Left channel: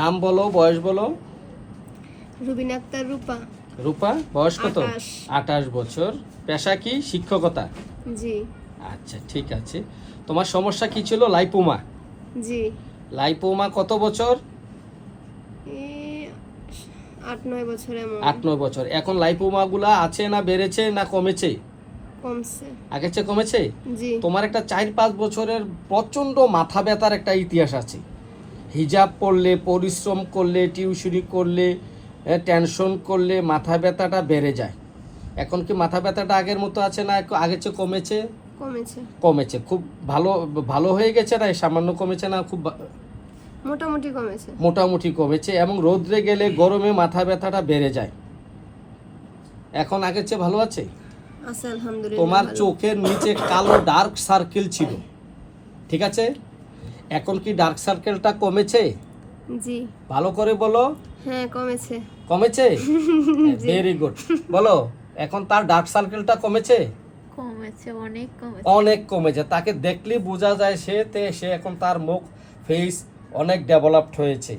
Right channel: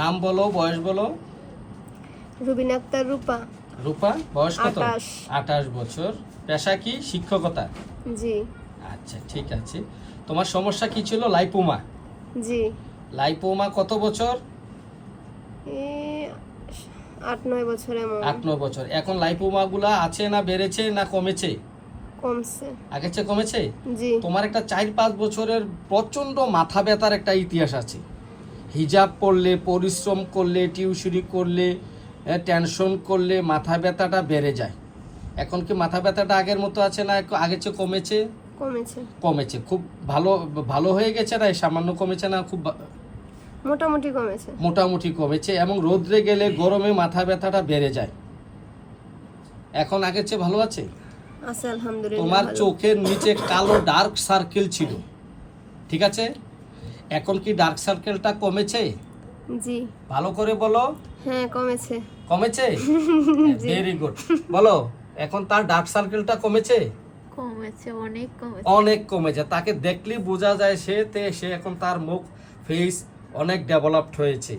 নাম বলো, বয়স বলো। রুবিনা আক্তার রূপা। রূপা, বয়স কত? 28। 28 বছর। পেশা কি? শিক্ষকতা। জি আচ্ছা, ঠিক আছে। তোমার সমস্যা কি ছিল? লাইপোমা। জি। লাইপোমা কত বছর? এই 8-9 বছর এমন। 8-9 বছর। এখন লাইপোমা গুলা আছে না বেড়েছে না কমেছে? কমছে। আগের চেয়ে কমেছে? জি তোমার একটা 4-5 বছরের প্রচন্ড মাথা ব্যথার একটা ইতিহাস আছে। হিজাব পড়লে, পরিশ্রম করলে, টিউশনি করলে, টেনশন করলে মাথা ব্যথাটা বেড়ে যায়। এখন কি মাথা ব্যথাটা আগের মতো আছে না আগের চেয়ে কমেছে? কমেছে। কমেছে। খুব ভালো ভালো হয়ে গেছে না সামান্য কমেছে না খুব মোটামুটি কমেছে। মোটামুটি কমেছে। এবং রোদ্রে গেলে গরমে মাথা ব্যথাটা বেড়ে যায়। এখন আগের চেয়ে ভালো আছে? আছে আলহামদুলিল্লাহ। তোমার ভালো। চোখের নিচে কালো ডার্ক সার্কেল ছিল, ঠিক আছে? এখন কি ডার্ক সার্কেলটা কমেছে? জি ভালো করে বলো। হ্যাঁ কমেছে। কমেছে? Very good. বলো, এখন তার ডার্ক সার্কেলটা কমেছে? কমেছে, অনেক কমেছে। অনেক কমেছে। তাকে দেখলেই বোঝা যায় সে এখন তার মুখ ফেস অনেক ডেভেলপড হয়েছে।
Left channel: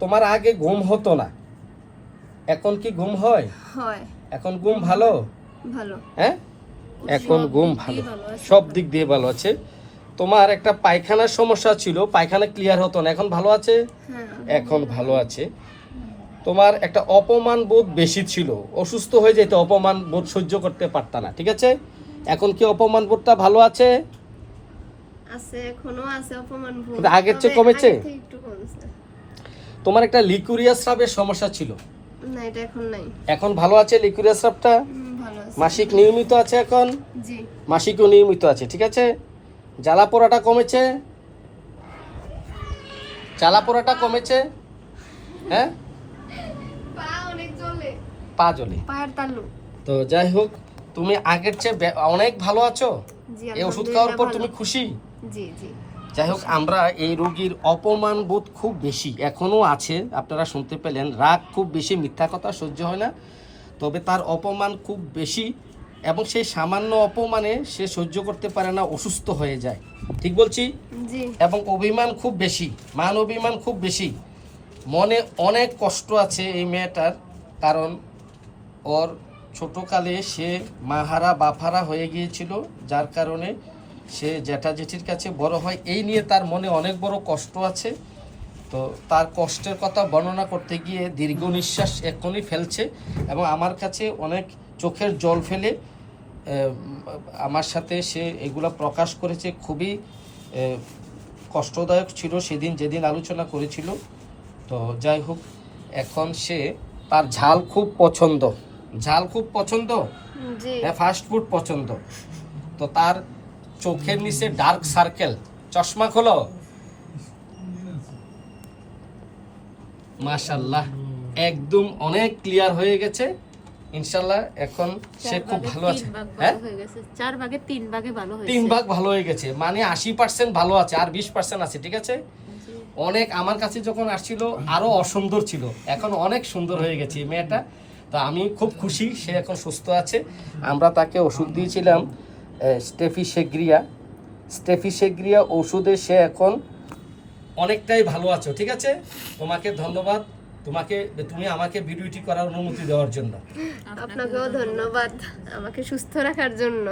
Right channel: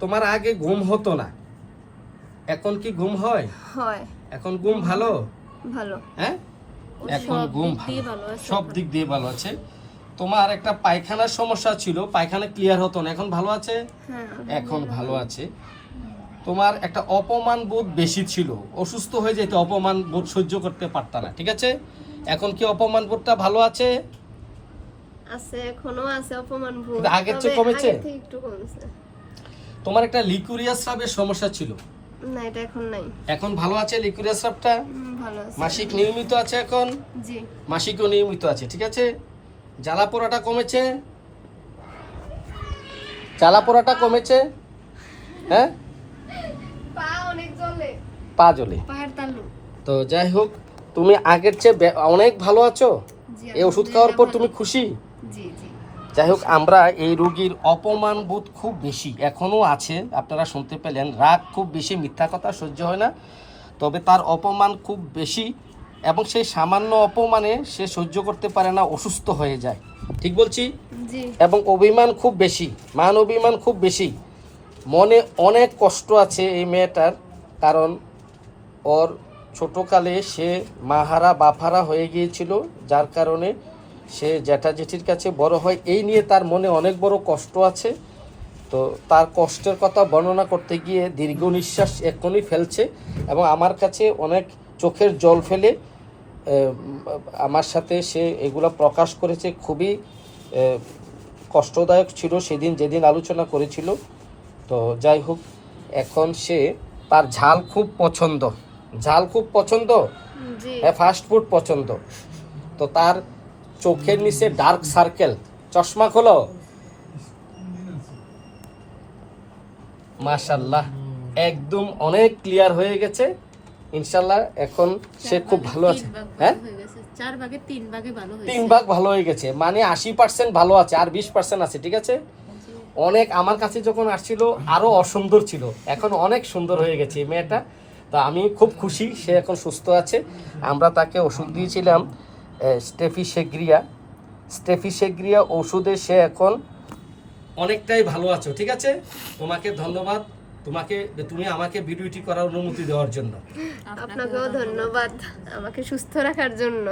তোমার আগে ঘুম হতো না, এখন কি ঘুম হয়? হয়। এখন ঘুম ভালো? ভালো। হ্যাঁ, এখন সব ঘুম দিক দিয়ে ভালো, ভালো আছে। সব দিক দিয়ে ভালো আছে। তোমার একটা পায়খানার সমস্যা ছিল, পায়খানা ক্লিয়ার হতো না, এখন ভালো আছে? হ্যাঁ এখন ভালো আছে। তোমার একটা অপমান বোধ বেশি ছিল, অসুস্থ হয়ে যেতে অপমান বোধ সহ্য করতে পারতা না, ঠিক আছে? এখন কি অপমান বোধটা ভালো আছে? আছে, এখনো আছে অপমান ভোগ। কিন্তু আগের চেয়ে তবে কমেছে? আগের থেকে একটু কমছে। তোমার একটা লিকুরিয়াস স্রাবের সমস্যা ছিল, না এটা এখন নাই। এখন ভালো আছে লিকুরিয়াস স্রাবটা? ভালো আছে। মাসিক নিয়মিত আছে এখন? জি মাসিকও নিয়মিত আছে, ঠিক আছে? জ্বালা পোড়াটা কমেছে? জ্বালা পোড়াটা কমেছে? হ্যাঁ, পা অনেক জ্বলে। পা জ্বলে। পায়ের তালু। তো যাই হোক, তুমি আগের চেয়ে অনেক ভালো আছো। জি এই ওষুধ খাওয়ার পর তুমি খুশি? জি জি। যাই হোক, আমরা এই রোগীর অপমান বোধ খুব বেশি এখনও আছে, আপনারা শুনতে পেলেন। রাগ খুব বেশি, মিথ্যা কথা সহ্য হয় না, তবে তার অপমান খুব বেশি। এবং সেই সামান্য অপমানে সে সহ্য করতে পারে না, অসুস্থ হয়ে যায়, ঠিক বলছি? জি এবং অভিমান খুব বেশি, মান অভিমান খুব বেশি। মনে অনেক কষ্ট আছে এই মেয়েটার, কারণ ওর ছোটকালে সে মাহারা বাফারা হয়ে গিয়েছিল, যার কারণে সে জ্যাঠা জেঠির কাছে বড় হয়। এই নিয়ে তার মনে অনেক বড় কষ্ট আছে। তো তার কষ্টের কথা বর্ণনা করতে গিয়ে দীর্ঘ নিঃশ্বাস এক্ষুনি ফেলছে এবং আমার কাছে অনেক চোখের জল ফেলে আমার সাথে সে এগুলো প্রকাশ করেছে। খুবই কষ্টদায়ক ছিল সেদিন যেদিন আলোচনা করেছিল। তো যাই হোক, এখন সে তার ঝাল খুব পছন্দ, ঝাল খুব পছন্দ, জি। হ্যাঁ, ফাস্ট ফুড পছন্দ। তো তার চোখের নিচে ডার্ক সার্কেল, চশমা খোলো। মাশাআল্লাহ, একদম অনেক ক্লিয়ার হয়ে গেছে ইনশাআল্লাহ। এখন সে খুব ভালো আছে। হ্যাঁ, 4 ভাগে 3 ভাগে ভালো হয়েছে। 3 ভাগ ভালো হয়ে গেছে, মানে 80% ভালো আছে, আর 20% আছে, ঠিক আছে? অনেক আমার কাছে যখন আসছিল আরো অসুন্দর ছিল, এখন অনেক সুন্দর হয়ে গেছে এই মেয়েটা। তো আমি খুব খুশি, সে এখন সুস্থ আছে। আমরা তাকে ওষুধ দিয়েছিলাম স্টেফিসেগ্রিয়া ওষুধে সে এখন অনেকটাই ভালো আছো, ঠিক আছে? তোমাকে ধন্যবাদ, তুমি আমাকে ভিডিওটি করার অনুমতি দেওয়ার জন্য। আপনাকেও ধন্যবাদ আমাকে সুস্থ রাখার জন্য।